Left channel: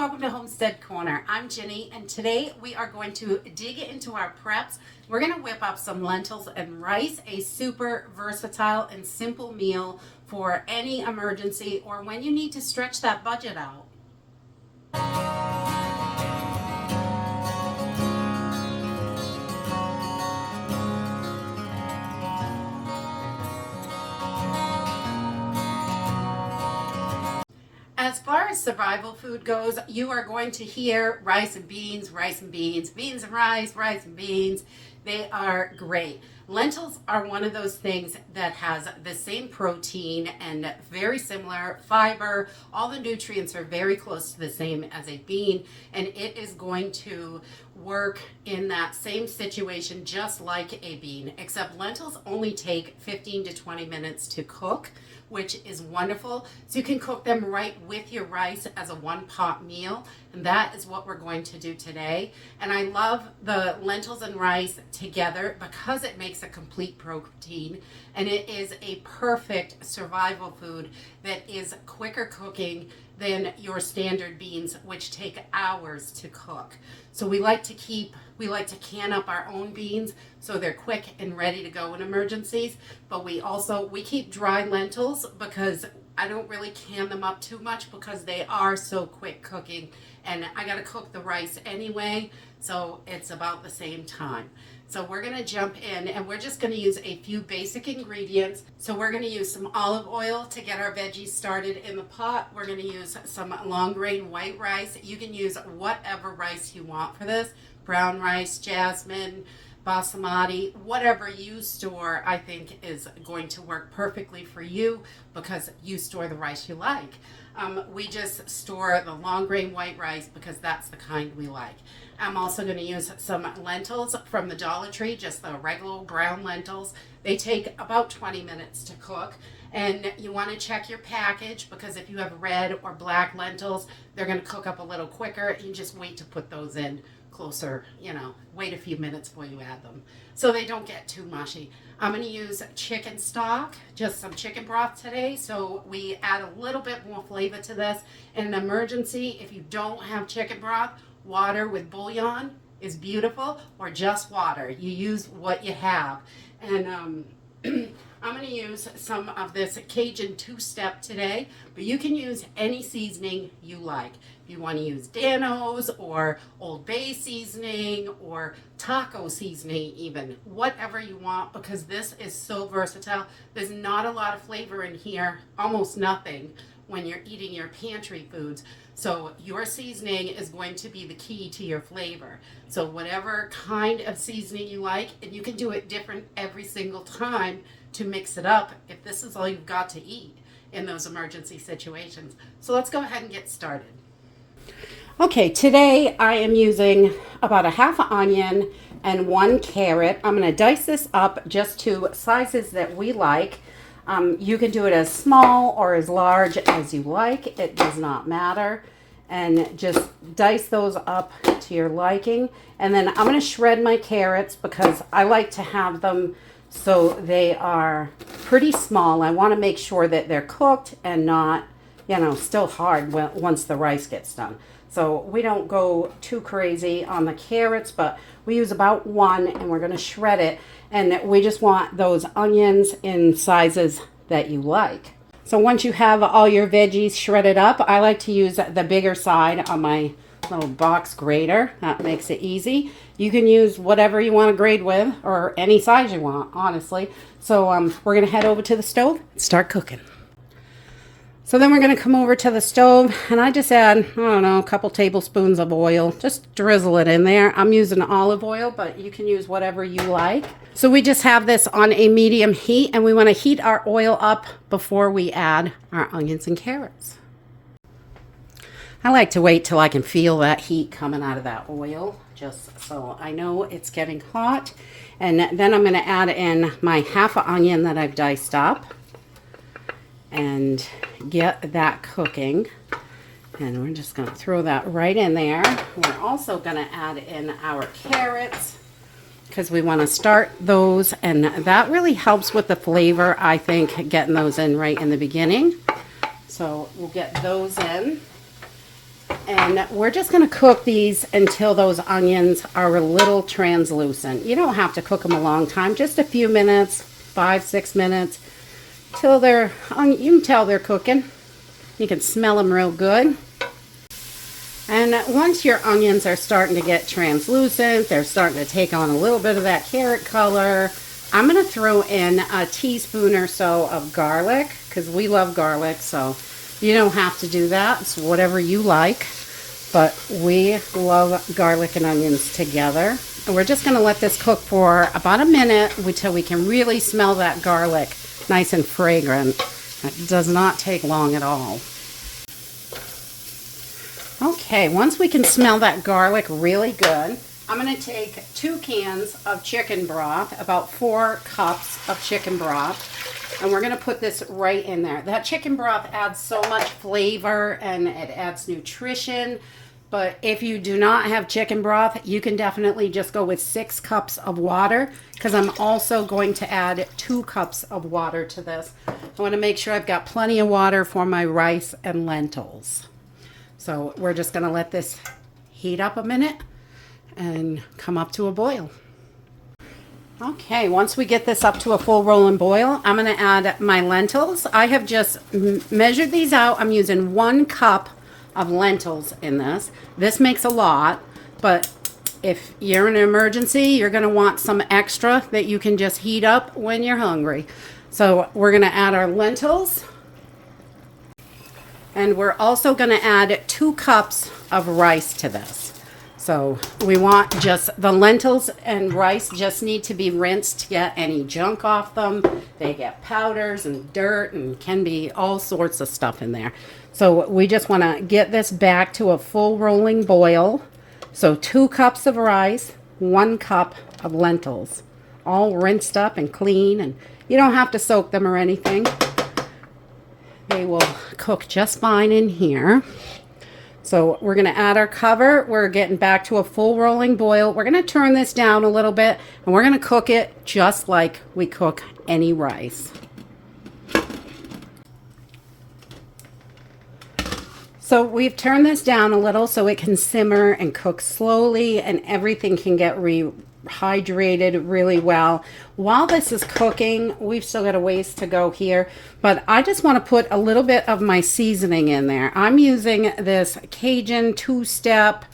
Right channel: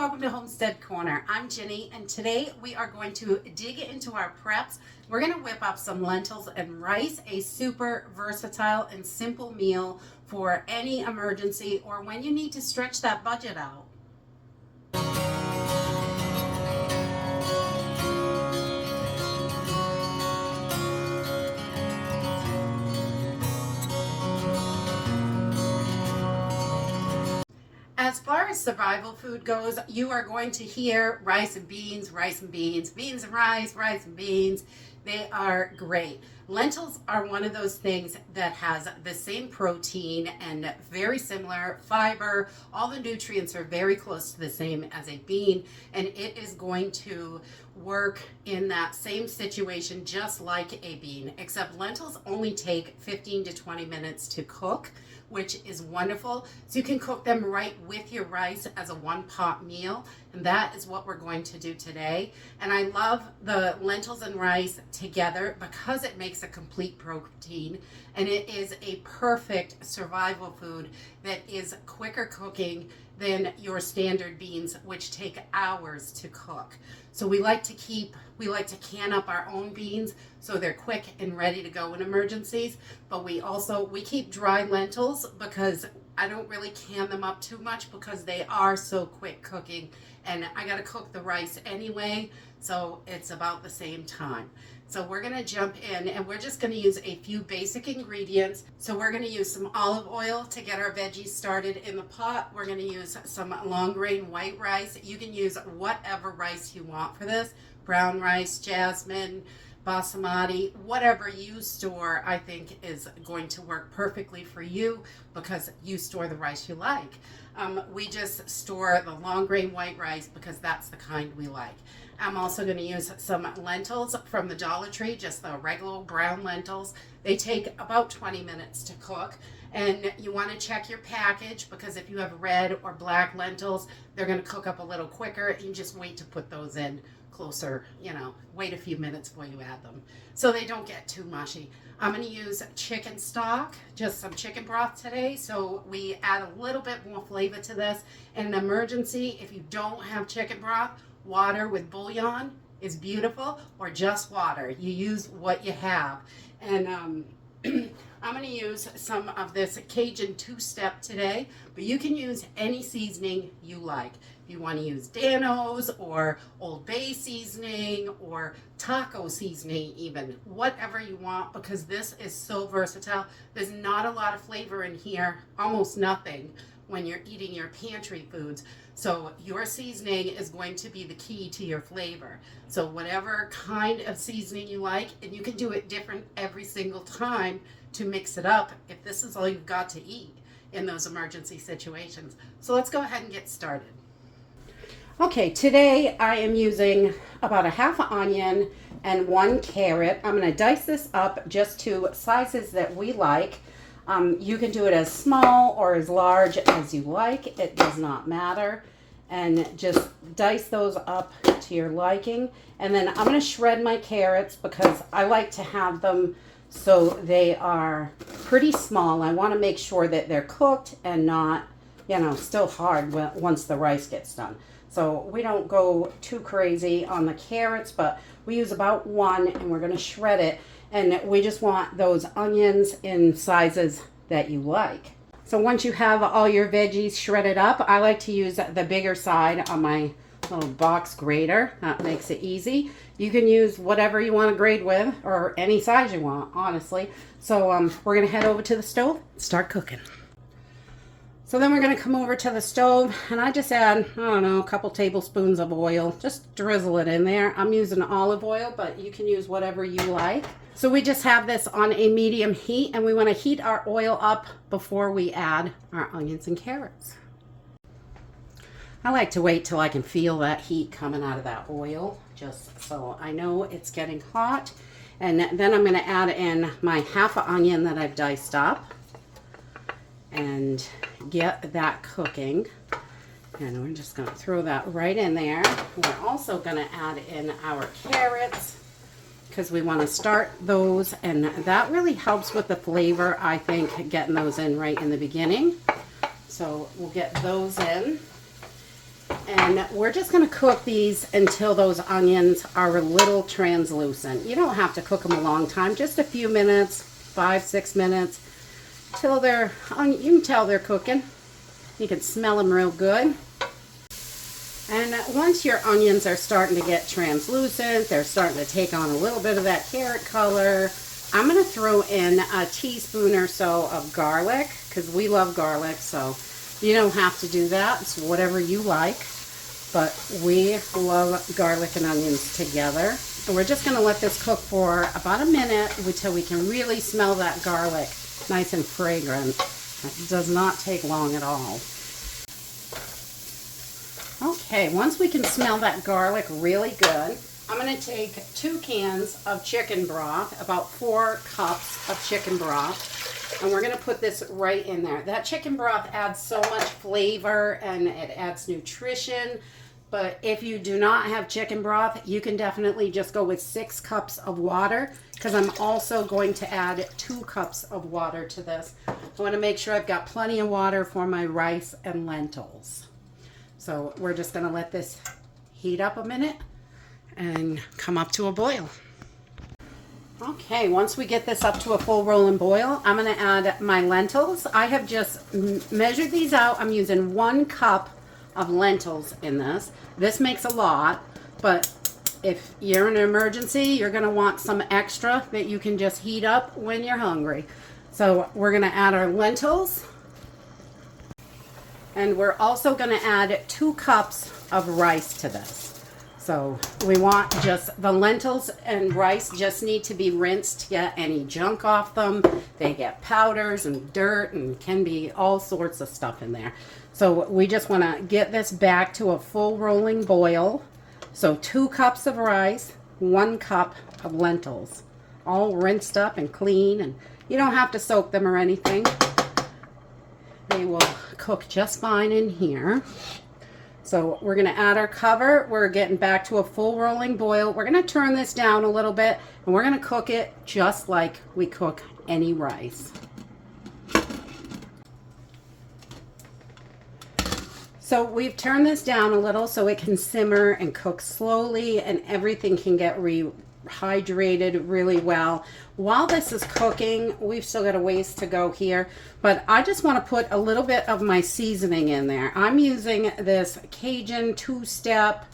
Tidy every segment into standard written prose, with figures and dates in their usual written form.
welcome to Homestead Corner. I'm Ginny, and today we are going to dig into our preps. We're going to whip up some lentils and rice, a super versatile and simple meal for any emergency or when you need to stretch that budget out. As far as survival food goes, you are going to hear rice and beans, beans and rice and beans. They are great. Lentils are one of those things that has the same protein and very similar fiber. All the nutrients are very close to the same as a bean, and it is going to work in that same situation just like a bean, except lentils only take 15 to 20 minutes to cook, which is wonderful. So you can cook them right with your rice as a one-pot meal, and that is what we're going to do today. And I love the lentils and rice together because it makes a complete protein, and it is a perfect survival food that is quicker cooking than your standard beans, which take hours to cook. So we like to can up our own beans so they're quick and ready to go in emergencies. But we keep dry lentils because I don't really can them up too much because they are so quick cooking, and I got to cook the rice anyway, so it's about the same time. So we're going to jump in, and we're just going to use a few basic ingredients. So we're going to use some olive oil to get our veggies started in the pot. We're going to use some long grain white rice. You can use whatever rice you want for this. Brown rice, jasmine, basmati, whatever you store, I think is going to work perfectly for you because you store the rice you like. We just store the long grain white rice because that's the kind we like. I'm also going to use some lentils from the Dollar Tree, just the regular brown lentils. They take about 20 minutes to cook, and you want to check your package because if you have red or black lentils, they're going to cook up a little quicker. You just wait to put those in closer, wait a few minutes before you add them so they don't get too mushy. I'm going to use chicken stock, just some chicken broth today, so we add a little bit more flavor to this. In an emergency, if you don't have chicken broth, water with bouillon is beautiful, or just water. You use what you have. And I'm going to use some of this Cajun two-step today, but you can use any seasoning you like. If you want to use Dano's or Old Bay seasoning or taco seasoning even, whatever you want, because this is so versatile. There's not a lot of flavor in here, almost nothing when you're eating your pantry foods. So your seasoning is going to be the key to your flavor. So whatever kind of seasoning you like, and you can do it different every single time to mix it up if this is all you've got to eat in those emergency situations. So let's go ahead and get started. Okay, today I am using about a half an onion and 1 carrot. I'm going to dice this up just to sizes that we like. You can do it as small or as large as you like. It does not matter. And just dice those up to your liking. And then I'm going to shred my carrots because I like to have them so they are pretty small. I want to make sure that they're cooked and not, still hard once the rice gets done. So we don't go too crazy on the carrots, but we use about 1 and we're going to shred it. And we just want those onions in sizes that you like. So once you have all your veggies shredded up, I like to use the bigger side on my little box grater. That makes it easy. You can use whatever you want to grate with or any size you want, honestly. So we're going to head over to the stove and start cooking. So then we're going to come over to the stove, and I just add, a couple tablespoons of oil. Just drizzle it in there. I'm using olive oil, but you can use whatever you like. So we just have this on a medium heat, and we want to heat our oil up before we add our onions and carrots. I like to wait till I can feel that heat coming out of that oil, just so I know it's getting hot. And then I'm going to add in my half an onion that I've diced up and get that cooking. And we're just going to throw that right in there. We're also going to add in our carrots because we want to start those, and that really helps with the flavor, I think, getting those in right in the beginning. So we'll get those in. And we're just going to cook these until those onions are a little translucent. You don't have to cook them a long time, just a few minutes, 5-6 minutes, till they're, you can tell they're cooking. You can smell them real good. And once your onions are starting to get translucent, they're starting to take on a little bit of that carrot color, I'm going to throw in a teaspoon or so of garlic, because we love garlic, so you don't have to do that. It's whatever you like, but we love garlic and onions together. And we're just going to let this cook for about a minute until we can really smell that garlic nice and fragrant. It does not take long at all. Okay, once we can smell that garlic really good, I'm going to take 2 cans of chicken broth, about 4 cups of chicken broth, and we're going to put this right in there. That chicken broth adds so much flavor and it adds nutrition, but if you do not have chicken broth, you can definitely just go with 6 cups of water, because I'm also going to add 2 cups of water to this. I want to make sure I've got plenty of water for my rice and lentils. So we're just going to let this heat up a minute and come up to a boil. Okay, once we get this up to a full rolling boil, I'm going to add my lentils. I have just measured these out. I'm using 1 cup of lentils in this. This makes a lot, but if you're in an emergency, you're going to want some extra that you can just heat up when you're hungry. So we're going to add our lentils. And we're also going to add 2 cups of rice to this. So we want just the lentils and rice just need to be rinsed to get any junk off them. They get powders and dirt and can be all sorts of stuff in there. So we just want to get this back to a full rolling boil. So 2 cups of rice, 1 cup of lentils, all rinsed up and clean, and you don't have to soak them or anything. They will cook just fine in here. So we're going to add our cover. We're getting back to a full rolling boil. We're going to turn this down a little bit, and we're going to cook it just like we cook any rice. So we've turned this down a little so it can simmer and cook slowly, and everything can get rehydrated really well. While this is cooking, we've still got a ways to go here, but I just want to put a little bit of my seasoning in there. I'm using this Cajun 2-step.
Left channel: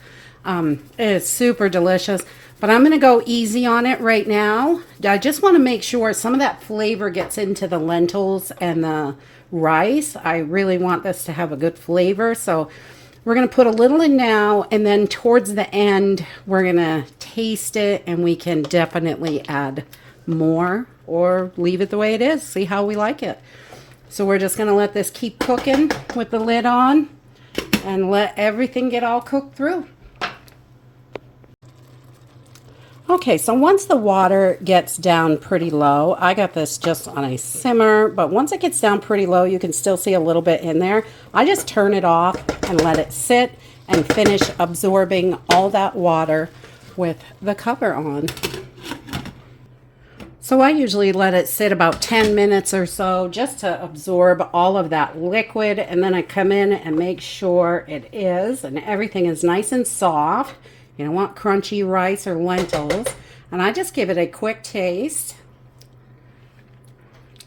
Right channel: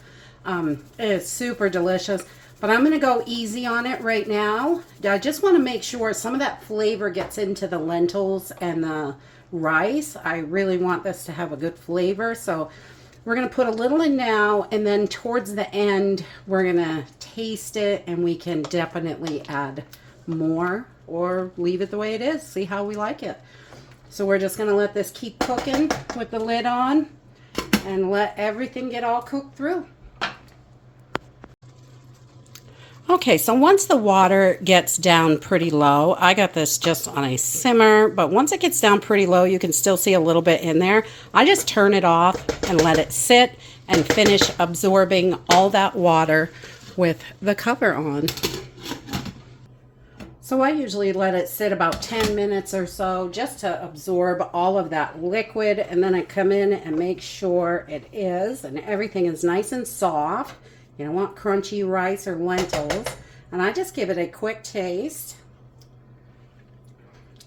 It's super delicious, but I'm going to go easy on it right now. I just want to make sure some of that flavor gets into the lentils and the rice. I really want this to have a good flavor, so we're going to put a little in now, and then towards the end we're going to taste it, and we can definitely add more or leave it the way it is, see how we like it. So we're just going to let this keep cooking with the lid on and let everything get all cooked through. Okay, so once the water gets down pretty low, I got this just on a simmer, but once it gets down pretty low, you can still see a little bit in there. I just turn it off and let it sit and finish absorbing all that water with the cover on. So I usually let it sit about 10 minutes or so just to absorb all of that liquid, and then I come in and make sure it is, and everything is nice and soft. You don't want crunchy rice or lentils. And I just give it a quick taste.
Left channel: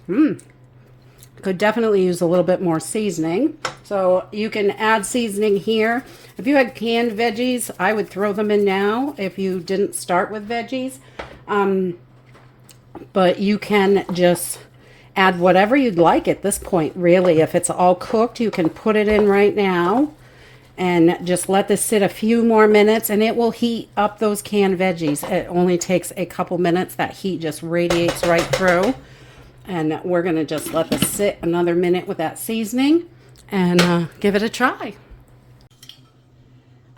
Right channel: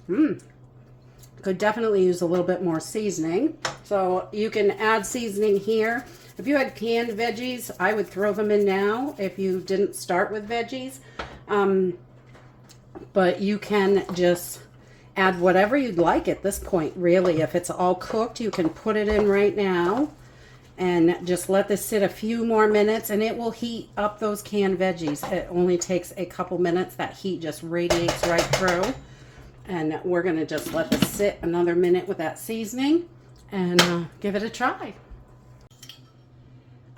Could definitely use a little bit more seasoning. So you can add seasoning here. If you had canned veggies, I would throw them in now if you didn't start with veggies. But you can just add whatever you'd like at this point, really. If it's all cooked, you can put it in right now. And just let this sit a few more minutes, and it will heat up those canned veggies. It only takes a couple minutes. That heat just radiates right through. And we're going to just let this sit another minute with that seasoning and give it a try.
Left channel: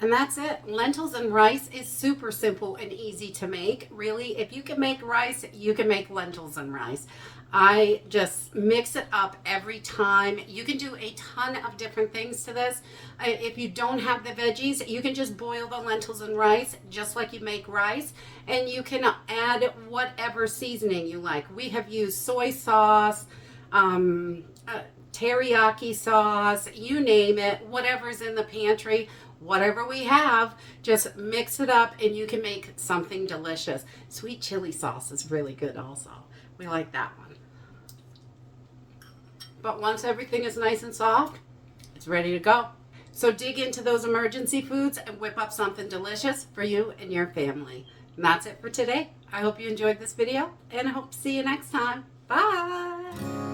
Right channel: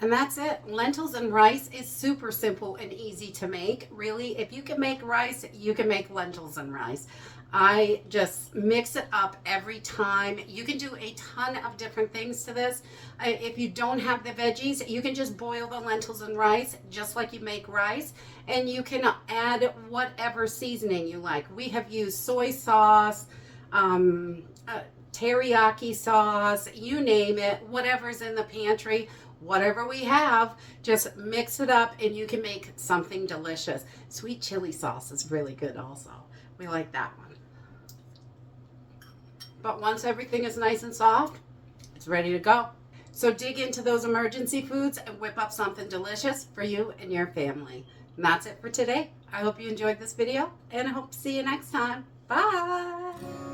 And that's it. Lentils and rice is super simple and easy to make. Really, if you can make rice, you can make lentils and rice. I just mix it up every time. You can do a ton of different things to this. If you don't have the veggies, you can just boil the lentils and rice just like you make rice, and you can add whatever seasoning you like. We have used soy sauce, teriyaki sauce, you name it, whatever's in the pantry. whatever we have, just mix it up and you can make something delicious. Sweet chili sauce is really good also. We like that one. But once everything is nice and soft, it's ready to go. So dig into those emergency foods and whip up something delicious for you and your family. And that's it for today. I hope you enjoyed this video and I hope to see you next time. Bye.